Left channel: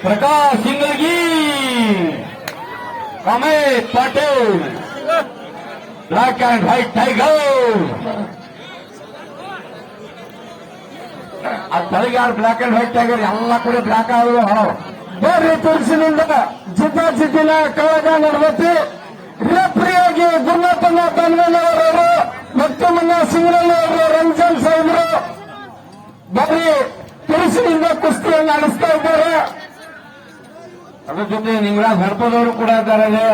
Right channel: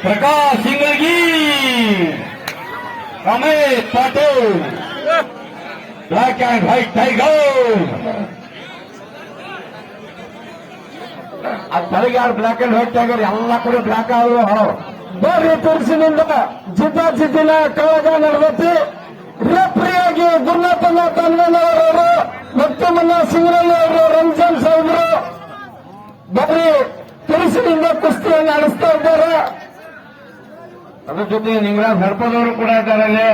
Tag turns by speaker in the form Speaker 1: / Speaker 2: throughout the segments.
Speaker 1: Prakash सिंगगी Amit Patil black and white tiger tiger black and white tiger ಎಲ್ಲ ಕಡೆ block ಆಗಿದೆ
Speaker 2: ಬೇರೆ ತುಳಸಿನಿಂದ ಜಿದ್ದಾಜಿದ್ದಿನ ಕವಾಗ ನಡೆದೈತಿ ರೆಫ್ರಿಯಾಗಿ ಗುರುನಾಥನ ಬನ್ನಣ್ಣವರು ಮತ್ತೆ ಮನ್ನ ಸಿಂಗರಳ್ಳಿ ಅವರು ರಂಜಾನ್ ಸಾಹೇಬ್ರು ಬರೀ ತುಳಸಿನಿಂದ ಕುಸ್ತಿಯನ್ನು ನಡೆಸ್ತಾ ಇದ್ದಾರೆ
Speaker 1: ಅದ್ರ ಜೊತೆ ನಿಂಗರಾಜ್ ಹರ್ಪದವರು ಕೂಡ ಇದ್ದಾರೆ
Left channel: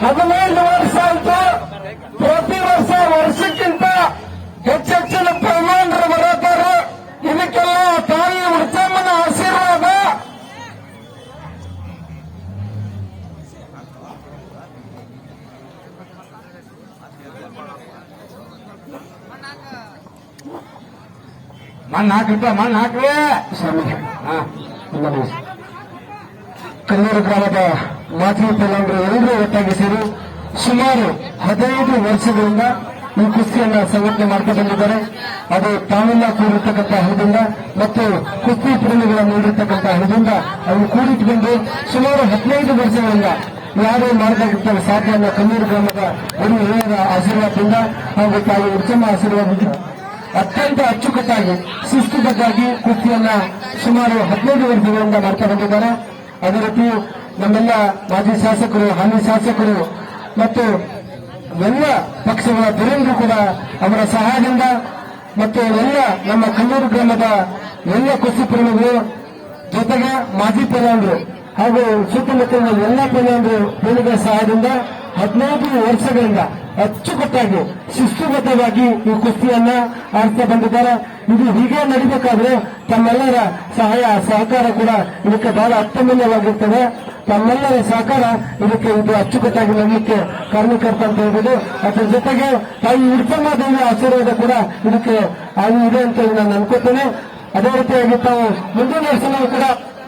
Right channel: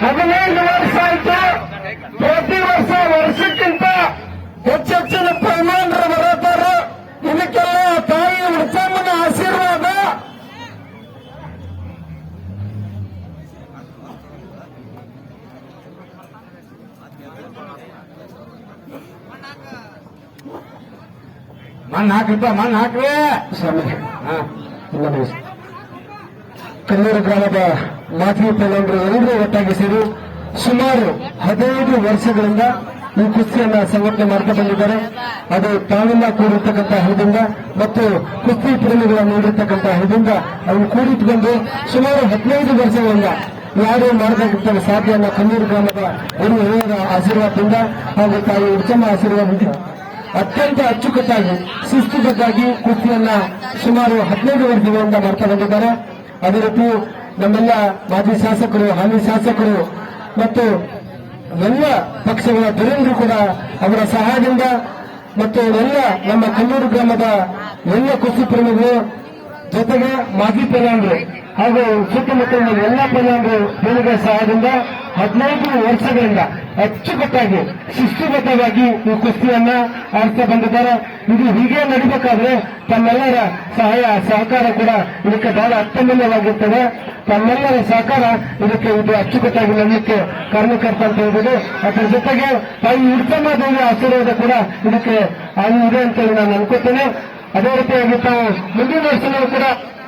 Speaker 2: ಹದಿನೈದು ವರ್ಷ ಆಯ್ತು. ಪ್ರತಿ ವರ್ಷ ವರ್ಷಕ್ಕಿಂತ ಹೆಚ್ಚೆಚ್ಚಿನ ಪ್ರಮಾಣರು ಬರುತ್ತಾರೆ ಇದಕ್ಕೆಲ್ಲ ತಾಯಿ ವೃತ್ತಮ್ಮನ ಆಶೀರ್ವಾದ
Speaker 1: ಮಣ್ಣು ಹಾಕ್ರಿಪ್ಪ ಮಣ್ಣು ಹಾಕ್ರಿ.
Speaker 2: ನಮಸ್ತೆ. ಕನ್ನೂರು ಗ್ರಾಮದ ಮಾಜಿ ಪ್ರಧಾನರು ಎಲ್ಲರೂ ಒಟ್ಟಾಗಿ ಸೇರಿ ಸುಮಾರು ಹದಿನೈದು ವರ್ಷಗಳಿಂದ ಈ ಕುಸ್ತಿಯನ್ನ ಸಂಘಟನೆ ಮಾಡ್ಕೊಂಡು ಬಂದಿದ್ದಾರೆ ಅದು ತಾವೆಲ್ಲ ಕೂಡಿರ್ತಕ್ಕಂಥ ಹಣದಿಂದ ಮತ್ತು ಕುಸ್ತಿ ಪ್ರೇಮಿಗಳನ್ನು ನೀಡಿರ್ತಕ್ಕಂಥ ಹಣದಿಂದ ಅದನ್ನು ಕೂಡಿಟ್ಕೊಂಡು ಸುಮಾರು ಹದಿನೈದು ವರ್ಷಗಳಿಂದ ಯಾರು ಮಾಡಬೇಕಂತ ಸಾಧ್ಯ ಅನ್ನೋ ಕನ್ನಡ ಗ್ರಾಮದ ಹಿರಿಯ ಆಶೀರ್ವಾದದಿಂದ ನಾವು ತಾಯಿ ಉತ್ತಮ ಆಶೀರ್ವಾದ ಅತ್ಯಂತ ಅಚ್ಚುಕಟ್ಟಾಗಿ ಶಿಸ್ತುಬದ್ಧಾಗಿ ಕೃತಿಯನ್ನ ಸುಮಾರು ಹದಿನೈದು ವರ್ಷಗಳಿಂದ ಮಾಡ್ತಾ ಬಂದಿದ್ದಾರೆ. ಅದೇ ರೀತಿ ನಮ್ಮೆಲ್ಲ ಮಾಜಿ ಶಾಸಕರು, ಹಾಲಿ ಶಾಸಕರು ಮತ್ತು ಎಲ್ಲ ಪಕ್ಷಗಳ ಧುರಂದು ಕೂಡ ಅವರ ಸಹಾಯದಿಂದ ಮತ್ತು ಎಲ್ಲ ನಮ್ಮ ಕಲ್ಲೂರು ಗ್ರಾಮದ ಎಲ್ಲ ಕೃಷಿ ಪ್ರೇಮಿಗಳು ಜೊತೆಗೆ ಮಾಜಿ ಪ್ರಧಾನಿಗಳು ಹಾಗೂ ಸುತ್ತಮುತ್ತಲಿನ ಎಲ್ಲ ಪ್ರಧಾನಿಗಳು ಪ್ರೇಮಿಗಳ ಸಹಾಯದಿಂದ ಹದಿನೈದು ವರ್ಷಗಳಿಂದ ಅಚ್ಚುಕಟ್ಟಾಗಿ, ಶಿಸ್ತುಬದ್ಧವಾಗಿ ಈ ಕುಸ್ತಿಯನ್ನ ಆಡ್ತಾ ಬಂದಿದ್ದಾರೆ. ಇದು ಹೀಗೆ ನಡಿಬೇಕಾದ್ರೆ ತಮ್ಮೆಲ್ಲರ ಸಹಾಯ, ಸಹಕಾರ ಕೂಡ ಇದಕ್ಕೆ ಬಹಳ ಅತ್ಯಮೂಲ್ಯವಾಗಿರ್ತದೆ. ತಮ್ಮೆಲ್ಲರ ಸಹಕಾರ ಇದಕ್ಕೆ ಇದು ಅಚ್ಚುಕಟ್ಟಾಗಿ ನಡಲಿಕ್ಕೆ ಕಾರಣಕರ್ತ ಅಂತ ಹೇಳ್ಬೋದು. ಅದರ ಜೊತೆಗೆ ತಾಯಿ ಉತ್ತಮ ಆಶೀರ್ವಾದ ಕೂಡ ಇದಕ್ಕೆ ಆಗಿ ಇದೆ ಅಂತ ನಾನು ಅನ್ಕೋತೇನೆ ಅದೇ ರೀತಿಯಾಗಿ ತಾವು ಮುಂದಿನ ವರ್ಷವೂ ಕೂಡ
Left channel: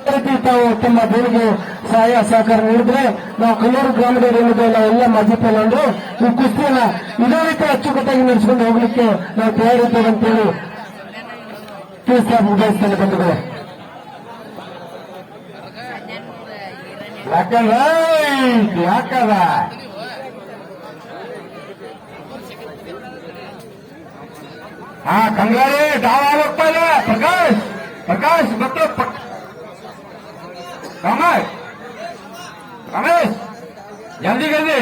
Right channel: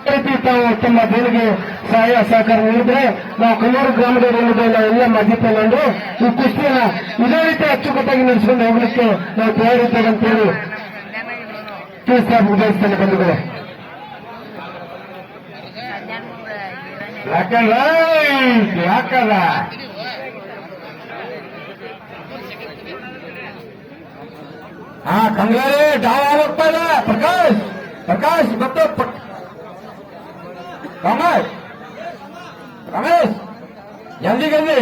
Speaker 2: ರೀತಿ ತಾವು ತಮ್ಮ ದೇವಿಗೆ ಸಹಾಯ ಸಹಕಾರ ನೀಡಿದ್ರೆ ನಾವು ಕನ್ನೂರು ಏನಿದೆಯಲ್ಲ ಎಲ್ಲ ಮಾಜಿ ಅಂದ್ರೆ ಈ ಕುಸ್ತಿಯನ್ನ ಇದೇ ರೀತಿ ಅಚ್ಚುಕಟ್ಟಾಗಿ ನಡೆಸಿಕೊಂಡು ಹೋಗ್ಲಿಕ್ಕೆ ನಾವು ತಯಾರಿದ್ದೇವೆ ಅಂತೇಳಿ ತಿಳಿಸ್ತಾ ಮುಗಿಸ್ತೇನೆ ಬಂದಿದ್ದಾರೆ.
Speaker 1: ಬ್ಲಾಕ್ ಅದ ಹಾ ಕಂಗಾರಿ ಡಾವ್ ಹೋಗ್ತಾ ಇಲ್ಲ ಪ್ರಕಾಶ್ ಪ್ರಕಾಶ್, ಮತ್ತೆ ರಮೇಶ್. ರಮೇಶ್ ಜಲ್ದಿ ಜಲ್ದಿ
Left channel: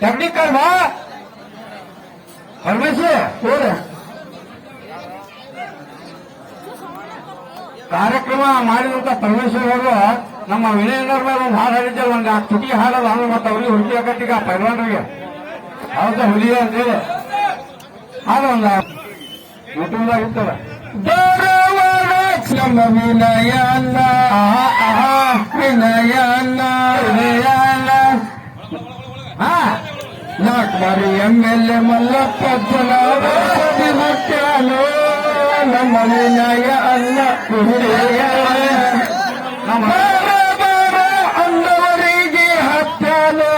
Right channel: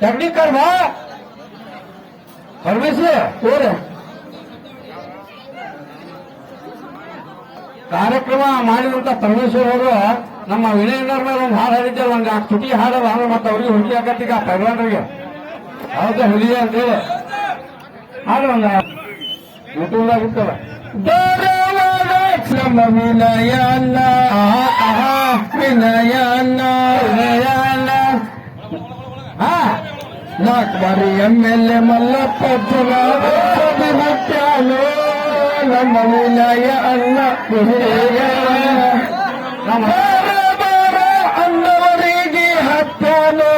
Speaker 1: ಟೆಕ್ನಿಕಲ್ ಬಾ ರಮೇಶ್
Speaker 2: ನೋಡ್ರಿ
Speaker 1: ಕಾರ್ಯಕ್ರಮ ಮಾಡಿದಂತ ಪರಮೇಶ್ವರ್ ಅವರು ನಮ್ಮ ವಿನಯನವ್ರ ಮೇಲೆ ಒಂದು ಹಾಡು ಹಾಡಿದ್ದೆ ಒಂದು ತುಟಿ ಹಾಡೋದು ಹಂಗ ಮತ್ತೆ ಅವ್ರಿಗೆ ಹುಡುಗಿ ಆಗತ್ತೀಗ ಪೈಲ್ವಾನ್ರಿಗೆ ಹೌದಾ, ಹುಲಿ ಅಂತೇಳಿ ಹಾಡು ಒಂದು ಇರ್ತಾರೆ
Speaker 2: ನಮ್ಮ ವಿನಯ ವಿನಯನ ವಿನಯನ
Speaker 1: ಹಾ
Speaker 2: ನಾಲ್ಕು ಬಾರಿ ಎಂ ಎಲ್ ಎ ಮಲ್ಲಪ್ಪ ಮಕ್ಕಳು ನಮ್ಮ ವಿನಯ ಅನ್ನ ವಿನಯ
Speaker 1: ನಮ್ಮ
Speaker 2: ಅನ್ನವರಿಗೆ ಹತ್ತಾನು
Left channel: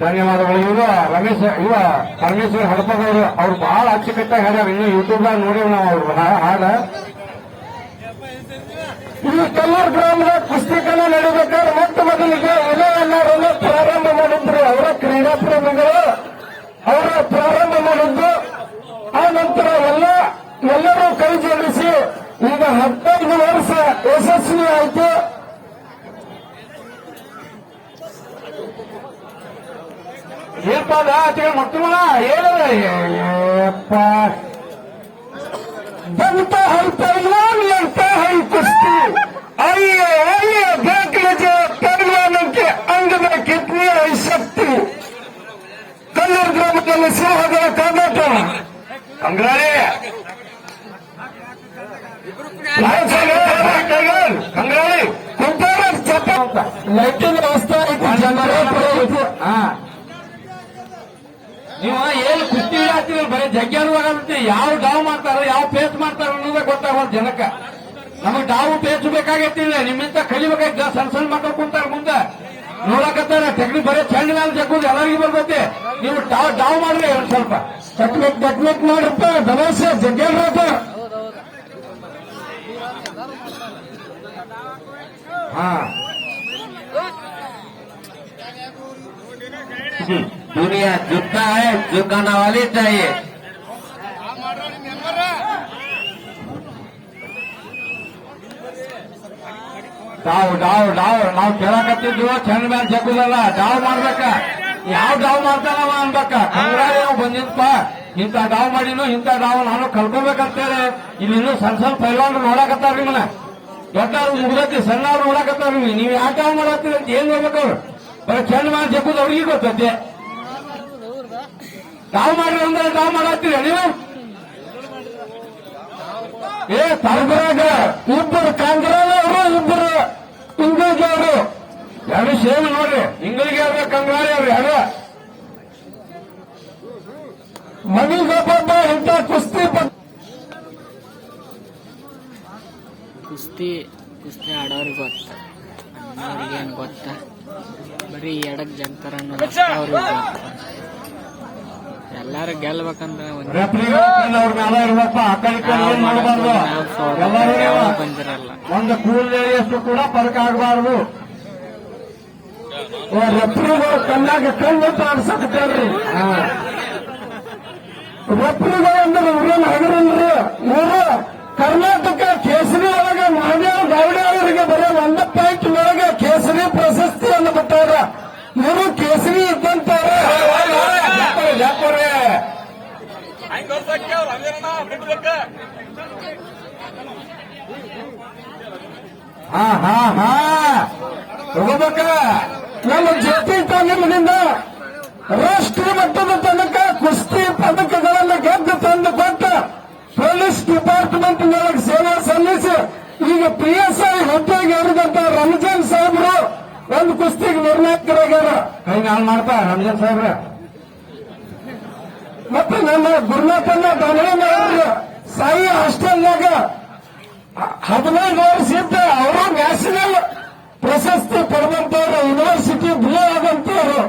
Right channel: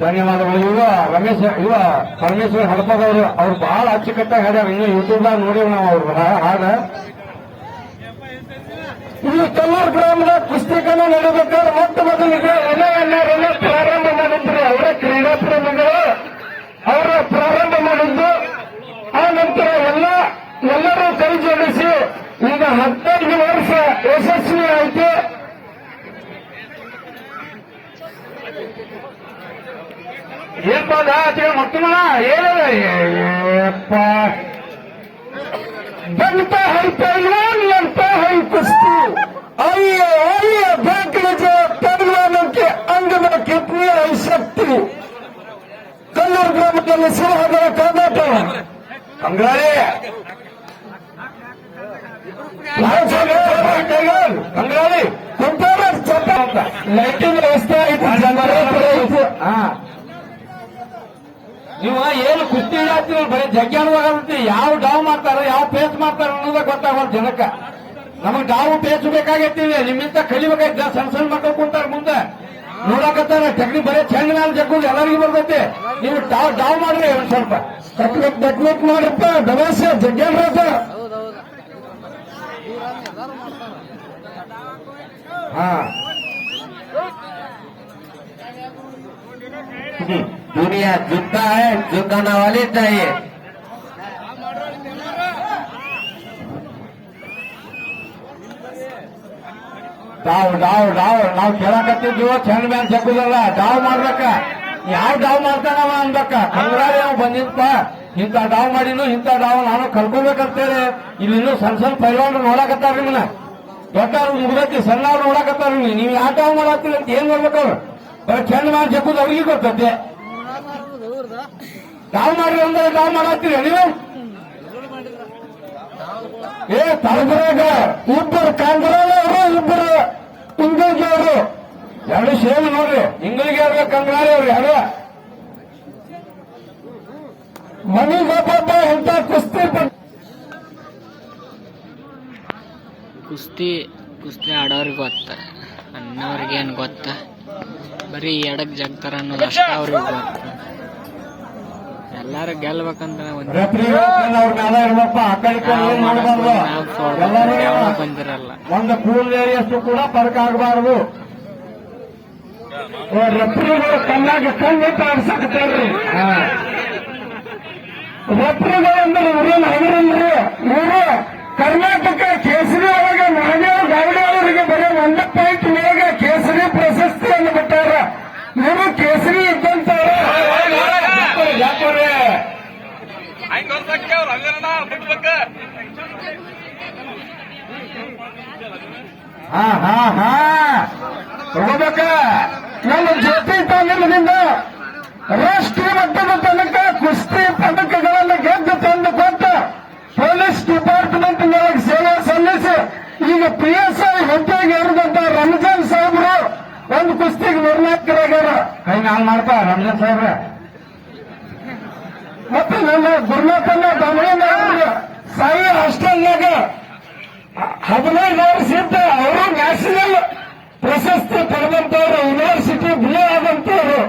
Speaker 1: ಧನ್ಯವಾದಗಳು ರಮೇಶ್, ಇವ ಪರಮೇಶ್ವರ್ ಹಡಪದವರು ಅವ್ರು ಬಹಳ ಅಚ್ಚುಕಟ್ಟಾಗಿ ಹಾಡ್ಯಾರ ಇನ್ನು ಯೂಟ್ಯೂಬ್ದಾಗ ನೋಡೋಣ ನಾವು ಅವ್ರ. ಹಾ- ಹಾಡ
Speaker 2: ಈ ಕಲ್ಲೂರು ಗ್ರಾಮದ ಕುಸ್ತಿಕನ ನಡೆಯಬೇಕಾದ್ರೆ ಮತ್ತೆ ಮೊದಲಿಗೆ ಎಲ್ಲ ಪ್ರಾರಂಭ ಮಾಡಿದ್ರು ಅವರ ಕ್ರೀಡಾ ಪ್ರೇಮಿಗಳು ಅವರ ಪ್ರಾರಂಭ ಮಾಡಿದ್ದು. ಆ ನಂತರ ಎಲ್ಲ ಎಲ್ಲರೂ ಕೈ ಜೋಡಿಸಿ ಈಗ ಹದಿನೈದು متلا برڻ ڪ اگر جي پاڻ کي انگد
Speaker 1: ڪئي ش
Speaker 2: ڪلر گرام ڪم انگ بنگاڙي
Speaker 1: ڪٽر چ ಏನು ಜಾತಿ ಬರೀ ಬರೀ ಜಗ್ಗಾನುವಾಗುತ್ತೆ ಯಾವ ಡಾವ್ ಮಾಡ್ತಾರೆ, ಯಾವ ಪೇಸ್ ಮಾಡ್ತಾರೆ ಅನ್ನೋದೇ ಗೊತ್ತಾಗಲ್ಲ ಜನಕ್ಕ. ನಮಗೆ ಡಾವು ಪೇಸ್ ಬೇಕಾಗೈತಿ ನಿಮ್ಮಿಂದ ಕಲಿಬೇಕಾಯ್ತು ಸಣ್ಣ ಸಣ್ಣ ಮಕ್ಕಳು ಕುಂತಾರ ಮುಂದೆ. ನೋಡಕತ್ತಾರೆ ಟೆಕ್ನಿಕ್ ಬರೀ ಚೆಂಡ ಮೇಲೆ ಜಗ್ಗುದು ಎಲ್ಲರಿಗೂ ಬರ್ತೈತಿ. ನೀವು ಡಾವ್ ಡಾವ್ ಮಾಡ್ರಿ ಒಂದ್ ಸ್ವಲ್ಪ.
Speaker 2: ಟೆಕ್ನಿಕ್ ಟೆಕ್ನಿಕ್ ನೋಡಪ್ಪ ದವಾಸೆ ಜಗ್ಗೇನ್ರಪ್ಪ
Speaker 1: ಹಾ.
Speaker 3: दुनिया झुकता है झुकाना वाले चाहिए
Speaker 1: ಡಾವ್ ಡಾವ್ ಡಾವ್ ನಾವು ಕೇಳಕತ್ತಿದ್ವು ಚೆಂಡ ಮೇಲೆ ಜಗ್ಗುದಲ್ಲ ಡಾವ್ ಮಾಡ್ಬೇಕ ಯಾವ ಡಾವ್ ಮಾಡ್ತಾನವ ಅನ್ಬೇಕ ಕಂಗಾರಿ ನಾವು ಬಂದಿತ್ತ ಇಂಥ ಡಾವ್ ಮಾಡಿನು ಇಂಥ ಡಾವ್ ನಾನು ಕಲ್ಕೋಬೇಕಂತೇಳಿ ಇಲ್ಲಿ ಇನ್ನೂ ಸಣ್ಣ ಸಣ್ಣ ಪೈಲ್ವಾನ್ರು ನೋಡಕತ್ತಾರ ನಿಮ್ಮನ್ನ ಗೊತ್ತಾಗ ಮುಗಿದೈತಿ ಸಣ್ಣ ನೋಡಕತ್ತಾರ ನೀವು ಯಾವ ಡಾವ್ ಮಾಡತ್ತೀರಿ ಅಂತ ಏನ್ ಮಾಡ್ಬೇಕು ಚೆಂಡ ಮಾಡಿ ಜಗ್ಗುದು ಅವ್ರಿಗೆ ಗೊತ್ತೈತೆ. ಡಾವ್ ಮಾಡ್ರಿ ಅಂದ್ರೆ ನಾವು ಮಾಡತ್ತೀರಿ ನೀವು ಏ, ತರಬರಾಗ
Speaker 2: ಇಬ್ಬರು ಕಾಂಗ್ರೆಸ್ ಅವರು, ಇಬ್ಬರು ಇಂಗ್ಲಿಷ್ ಅವರು.
Speaker 1: ಎರಡು ಸೇಮ್ ನೋಡ್ರಿ ಇಂಗ್ಲಿಗೆ ಅವ್ರ ಕಂಗಾರಿ ಅವ್ರಿ, ಎರಡು.
Speaker 2: ಮನಿಗೊಬ್ಬ ಇಂಥ ಕುಸ್ತಿ
Speaker 4: ಕುಸ್ತಿ ಕುಸ್ತಿ ಆಡೋರಿಗೆ ಗೊತ್ತ ಅನ್ನೋರಿಗೆ ಏನು ಗೊತ್ತ. ಬರೀ ಎಡಕ್ ಜಗ್ತಾರ ಅನ್ನೋದು ಅಷ್ಟ ಅವ್ರಿಗೆ ಎಲ್ಲಾರು ಗೆಲ್ಬೇಕಂತ ನಾವು ಮಾಡಕ್ ನಾವು ಸೋಲ್ಬೇಕು
Speaker 1: ಎಲ್ಲರಿಗೂ
Speaker 4: ಯಾವ ಬಂದಿರಲ್ಲ.
Speaker 1: ಒಂದು ಕೂಲಿಯಷ್ಟು ಕೂಡ ಫರಕ ಆಗಬಾರ್ದು.
Speaker 2: ಕಣ್ಣಾಗಿ ಕಣ್ಣು ಕರ್ನಾಟಕ ಕೇಸರಿ ಒಳಗೆ ಮಹದೇವ್ ಗೌಡಿ ಅವರಿಗೆ ಬರೋ ಒಂದು ಪಾಯಿಂಟ್ ಒಳಗೆ ಇವರು ಕೇಸರಿ ಇದ್ದಂತಾರ
Speaker 1: ಹಾ ಹಾ ಹಾ. ತಗೋಬೇಕ
Speaker 2: ನಮ್ಮ ಜೊತೆ ತಂಡದಿಂದ ರಾಷ್ಟ್ರೀಯ ಮಟ್ಟದ ತನಕ ಕುಸ್ತಿ ಪದಕಗಳನ್ನು ಗೆದ್ದು ತಂದು ಕೊಟ್ಟ ಪೊಲೀಸ್ ಡಿಪಾರ್ಟ್ಮೆಂಟ್ ನೊಳಗೆ ಸೇವೆ ಸಲ್ಲಿಸಿ ಈಗ ಪಿ ಎಸ್ ಐ ಹುದ್ದೆಗೆ ಏರಿದಂತ ರಂಜನ್ ಸಾಹೇಬರು ಒಂದು ಕುಸ್ತಿಗೆ ನಿರ್ಣಾಯಕರಾಗ್ಯಾರ
Speaker 1: ಕೈ ನಾನು ಮಾಡ್ಕೋ ರಂಜನ್ ಸಾಹೇಬ್ರ.
Speaker 2: ಮತ್ತೆ ನನ್ನ ಗುರುನಾಥನ ಬಂದ್ರೆ ಸಾಯಿ ಹಾಸ್ಟೆಲ್ನಾಗ ಹದಿನೈದು ವರ್ಷ ಇದ್ದ ಅವರು ನ್ಯಾಷನಲ್ ಪ್ರಶಸ್ತಿ ಪಡೆದಂತವರು ಯೂನಿವರ್ಸಿಟಿ ಬಿ ಆದಂತವರು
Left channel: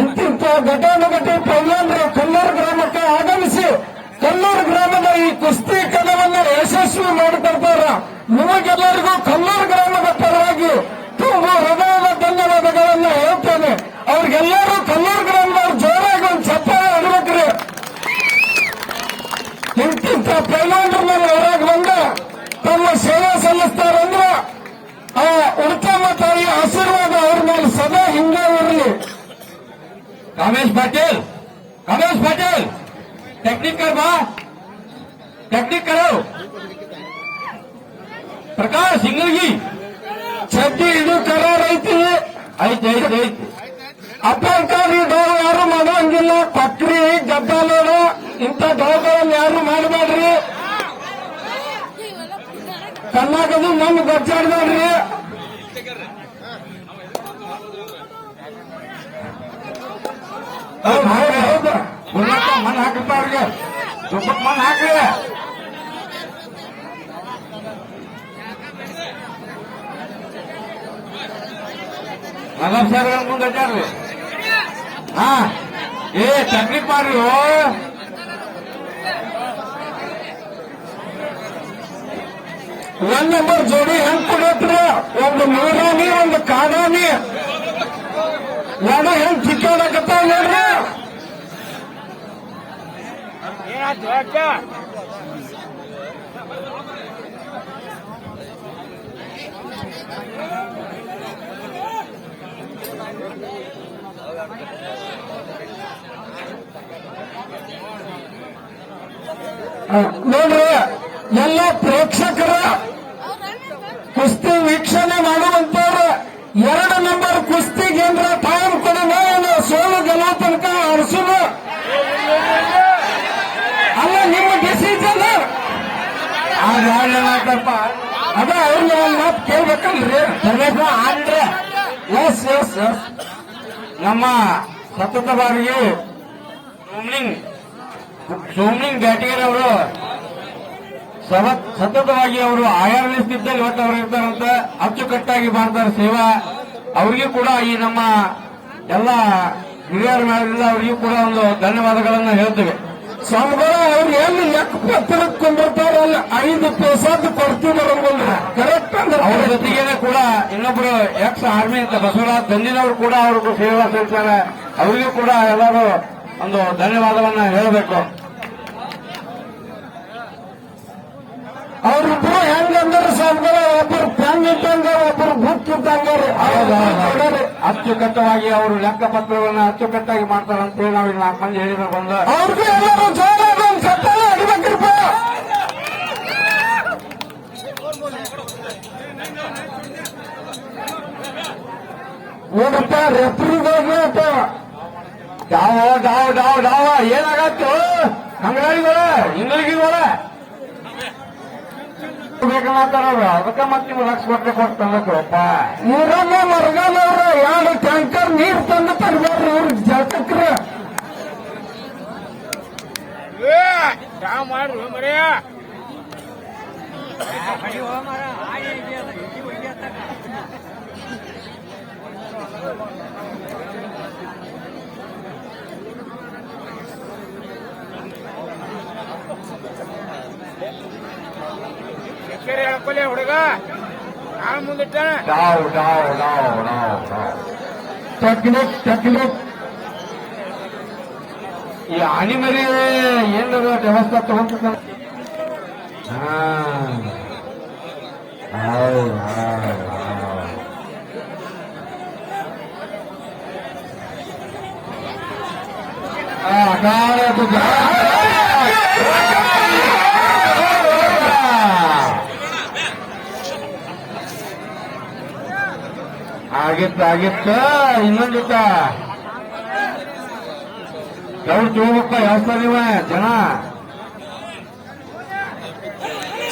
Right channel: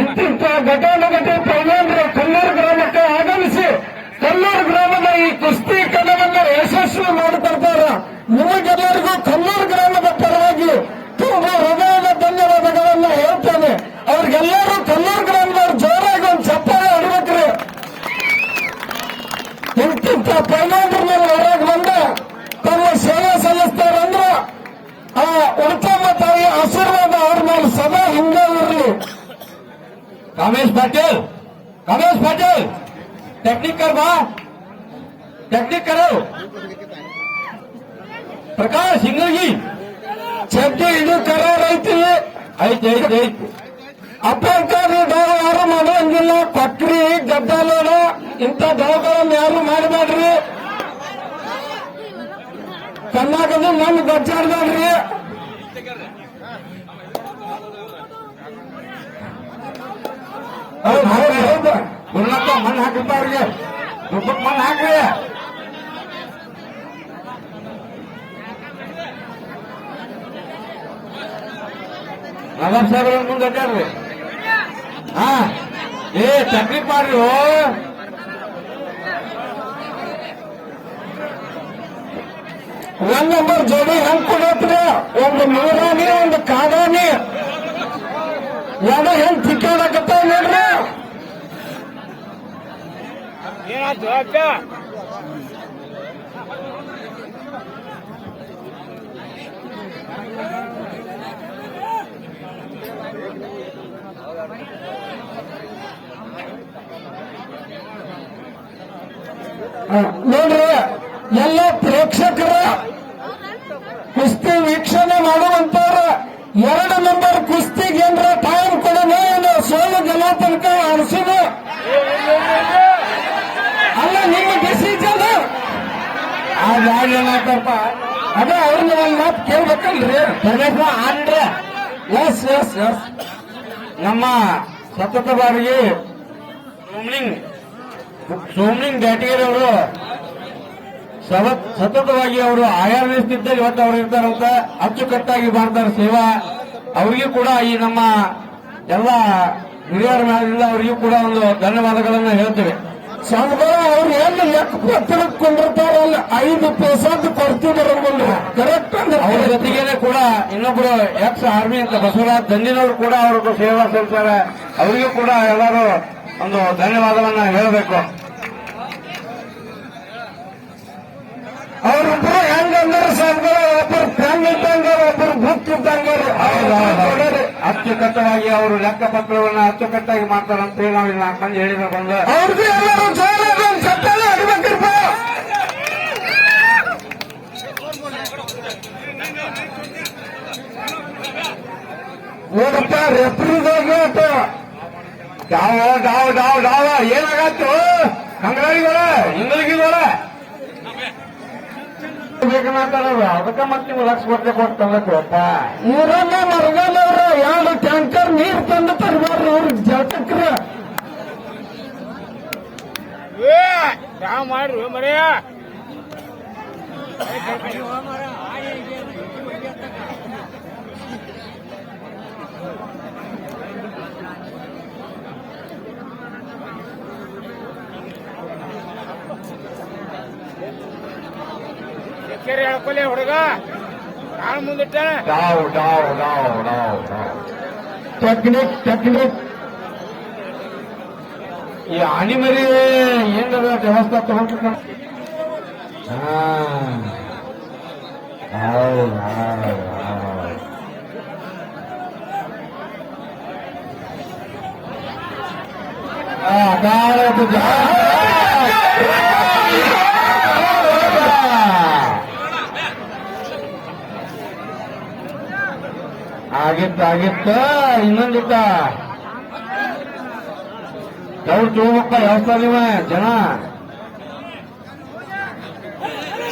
Speaker 2: ಇಂತಿಂತ ಘಟಾನುಘಟಿ ಪೈಲಾಂಧ್ರ ಕೊಲ್ಲೂರು ಗ್ರಾಮಕ್ಕೆ ಆಗಮಿಸಿ, ಕೊಲ್ಲೂರು ಗ್ರಾಮದ ಈ ಕುಸ್ತಿ ಕಣವನ್ನು ಯಶಸ್ವಿ ಮಾಡಿಕೊಡ್ತಾರ. ನಿಮಗೆಲ್ಲರಿಗೂ ಕೊಲ್ಲೂರು ಗ್ರಾಮದ ಪರವಾಗಿ ತುಂಬಾ ಹೃದಯದ ಧನ್ಯವಾದಗಳನ್ನು ಹೇಳ್ತೇನೆ ಅವ್ರಿಗೆಲ್ಲರೂ ಕರ್ನಾಟಕದವ್ರು ಜೋರಾಗಿ ಒಂದು ಚಪ್ಪಾಳೆ ಅಡಿಬೇಕ್ರಿ ಇಂತಿಂತ ಪೇಮೆಂಟ್ ಮೇಲೆ ಹೊರಗೆ ಬಂದು ತಮ್ಮ ಸೇವೆ ಸಲ್ಲಿಸ್ತಾರಂದ್ರೆ ಆ ಉಳಿತಮ್ಮ ತಾಯಿಯ ಆಶೀರ್ವಾದ ಅವ್ರ ಮೇಲೆ ಸದಾ ಹಿಂಗೆ ಇರಲಿ.
Speaker 1: ರಮೇಶ್ ಪಾಟೀಲ್ ರಮೇಶ್ ಪಾಟೀಲ್ ಟೆಕ್ನಿಕರ್ ಬಾ. ಟೆಕ್ನಿಕರು ಪ್ರಕಾಶ್ ಹಿಂಗಿ
Speaker 2: ಚಡ್ಡಿ, ಇದು ಕರಾರ್ ಐತಿ.
Speaker 1: ಐತಿ, ಐತೆ, ಐತಿ.
Speaker 2: ಅಭ್ಯರ್ಥಿ ದೋರ ಯಾರು ಮಾಡುವಂಗಿಲ್ಲ ಪಕ್ರಿ ಗದ್ದಾಲೋಡ ಇಂಥ ದೋಗಳನ್ನು ಯಾರು ಮಾಡಬೇಡ್ರಿ ಕರ್ನಾಟಕದ ನಮ್ಗೆ ಗೊತ್ತಾಡ್ಬೇಡ್ರಿ
Speaker 1: ಹೌದು ಹೌದು ಹೌದು ಗುರುನಾಥ ಮಣ್ಣು ಹಾಕಿರ್ತ ಅವ್ರಿಗೆ ದುಪ್ಪಟ್ಟು ಮಣ್ಣು ಹಾಕ್ರಿ ನಗರ್ ಸಾಹೇಬ್ರ ಮುಂದೆ ಅಡ್ಡಾಡ್ರಿ ಹಾ ಏ ತಕ್ಲೀಫ್ ಪಾರು
Speaker 2: ಒಂದ್ ನಂಬರ್ ಜೋಡಿ ಹೆಂಗ್ ಕೊಡತ್ರಿ? ಒಂದು ನೀರಾನಿ ಒಂದು ಕಾಡಾನಿ ಎರಡು ಹೆಂಗ್ ಚಿಕ್ಕಾಡಕತ್ತಾವ ನೋಡ್ರಿ ನೋಡ್ರಿ ಎಲ್ಲ ಪ್ರೇಕ್ಷಕರ ಕುಸ್ತಿ ವೀಕ್ಷಣೆ ಮಾಡುವಂತವ್ರು ಎರಡು ನಂಬರ್ ಕುಸ್ತಿಗೆ ಏನ್ರ ಟೈಮ್ ಕೊಡೋಣ. ಇಲ್ಲ ಸೋಲು ಗೆಲ್ಲೋ ತನಕ ಅರಸೋಣ ಅಲ್ಲ ನಿಮ್ಮ ಡಿಸಿಷನ್
Speaker 1: ಅದು ಯಾರಪ್ಪ
Speaker 2: ಅದ ಅವ್ರನ್ನ ಒಂದು ಮಾತು ಕೇಳ್ಬೇಕಲ್ರಿ?
Speaker 1: ಗಣೇಶ ಆದ್ರೆ.
Speaker 2: ಎಸ್ ಎಸ್ ಎಸ್
Speaker 1: ನಮ್ಮ ಸತತವಾಗಿ ಬಾರಿಗೆ ಸೋಮ್ನಿಂಗ್ ಜಾಟಗಿರಿ ಅವರು. ಸತತವಾಗಿ ಅವರು ಆಯಾಮಿಸುತ್ತಿದ್ದ ಇವತ್ತು ಅವರು ಇರ್ತಾರಂತ ಅಚ್ಚುಕಟ್ಟಾಗಿ ಮಾಡ್ತಾರೆ ಸೇವಾ. ಅವರಿಗೂ ಕೂಡ ಈ ನಮ್ಮ ಎಲ್ಲ ಹಿರಿಯರ ಅವರಿಗೂ ಕೂಡ ಒಂದು ಧನ್ಯವಾದಗಳನ್ನು ಹೇಳ್ತೇವೆ.
Speaker 2: ಸ್ವಾಮಿಗಳ ಅವ್ರು ಏನು ಲೆಕ್ಕ ಪತ್ರಕೊಂಡಿರ್ತಾರಲ್ಲ ಐದು ಪೈಸಾದ್ ಕೊಡ್ತಿದ್ದಾರೆ ಕರೆಕ್ಟ್ ಅಂದ್ರೆ ಅವರ
Speaker 1: ಜೊತೆಗೇನೆ ಕೂಡ ಇನ್ನೊಬ್ರು ಎಕ್ಸ್ ಆರ್ಮಿ ಅಂತ ಬಸವರಾಜ್ ದಂಡಿನವರು ಕೂಡ ಅವ್ರಿಗೆ ಸೇವೆ ಸಲ್ಲಿಸ್ತಾರೆ ಅವರಿಗೂ ಕೂಡ ಎಲ್ಲರೂ ಒಂದು ಧನ್ಯವಾದಗಳನ್ನ ಹೇಳಬೇಕು
Speaker 2: ಅವ್ರಿಬ್ರು ಹೆಂಗಂದ್ರೆ ಸ್ವಾಮಿಗಳ ಒಬ್ಬರು ಪ್ಯಾಂಗ್ ಇಟ್ಟಂಗ ಒಬ್ಬರು ಗುಟ್ ಇಟ್ಟಂಗ
Speaker 1: ಅಚ್ಚುಕಟ್ಟವಾಗಿ ಅವರು ಲೆಕ್ಕಪತ್ರಗಳನ್ನ ಅಚ್ಚುಕಟ್ಟಾಗಿ ಮಾಡ್ತಾರೆ ಅಂತ ಹೇಳಿ ನಾವು ಇಲ್ಲಿ ನಾಲ್ಕು ಮಂದಿ ಹೇಳಿದ ಬಂದ
Speaker 2: ಅವ್ರಿಗೂ ಎಲ್ಲರೂ ಜೋರಾಗಿ ಒಂದು ಸತ್ತಾನ ಹೊಡಿಬೇಕ್ರಿಪ್ಪ ನೋಡಪ್ಪ ರೆಫ್ರಿಗೋಗಿ ಅಪ್ಪ
Speaker 1: ಡಾವ ಡಾವ ಡಾವ ಡಾವ ಏನಾಗತ್ತು ಹಿಂಗಳಿಗಿಗಳ ಬೇಕಾಗ್ತಾರಲ್ಲ ಅದಕ್ಕೆ ಮತ್ತೆ ಕೊಟ್ಟು ತಂದಪ್ಪ
Speaker 2: ಊರನ್ನ ಮರಗಾನವ್ರ ಎರಡು ಟ್ಯಾಂಕರ್ ನೀರ್ ತಂದು ತರಬೇಡ್ರಿ ಅವ್ರಿಗೆ ಜಳಕಕ್ರ
Speaker 1: ಡಾವ್ ಡಾವ್ ಡಾವ್ ಡಾವ್ ಡಾವ್
Speaker 2: ಟೆಕ್ನಿಕ್ ಟೆಕ್ನಿಕ್
Speaker 1: ಈ ಹನಿ ಮರಿ ಏನಾದ್ರು ವ್ಯವಸ್ಥೆ ತಗೊಂಡು ಹಾ ಆಗಿತ್ತ ಆಗಿತ್ತ ಇನ್ನೊಂದಿತ್ತ. ಕೇಳಿಪ್ಪ ಯಾವ ನೀವ ಜನ.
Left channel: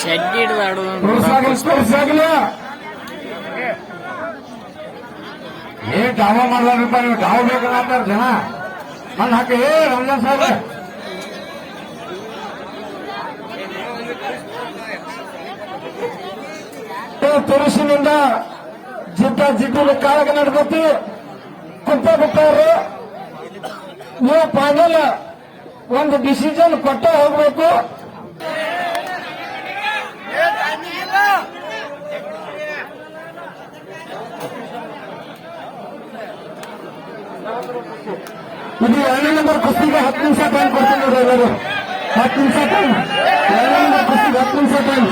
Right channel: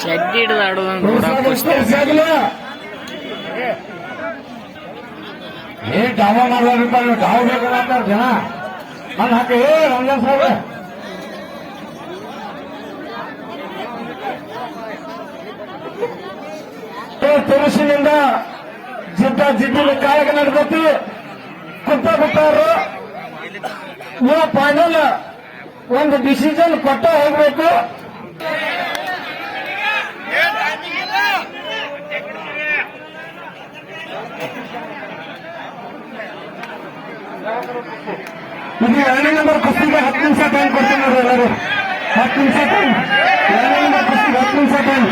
Speaker 4: ಚಡ್ಡಿ ಹಿಡಿದು
Speaker 1: ಏ ಡಾವ ಮಾಡ್ಲಾರಿಪ್ಪ ನೀವು ಡಾವ ಬೇಕಾಗ್ತಾರ ಜನ. ಮನ್ ಹಾಕಿ ಏ ರಂಗನ್ ಸಾಹೇಬ್
Speaker 2: ತುರುಸಿನಿಂದ ಜಿದ್ದ ಜಿಡ್ಡಿನ ಕಾಳಗ ನಡೆದೈತಿ ಕುಂತ ಬಿಟ್ಟವರು ನೀವು ಫೈನಲ್ ಒಂದು ಡಿಸಿಷನ್ ಕೊಟ್ಟ ಹೋಗ್ಬೇಕು. ಇದು ಎರಡನೇ ನಂಬರ್ ಕುಸ್ತಿಗೆ ಹತ್ತು ನಿಮಿಷ ಟೈಮ್ ಕೊಡ್ತೀನಿ ಎಲ್ಲರೂ. ಹತ್ತು ನಿಮಿಷ ಟೈಮ್ ಎರಡನೇ ನಂಬರ್ ಕುಸ್ತಿಗೆ ಹತ್ತು ನಿಮಿಷ ಟೈಮ್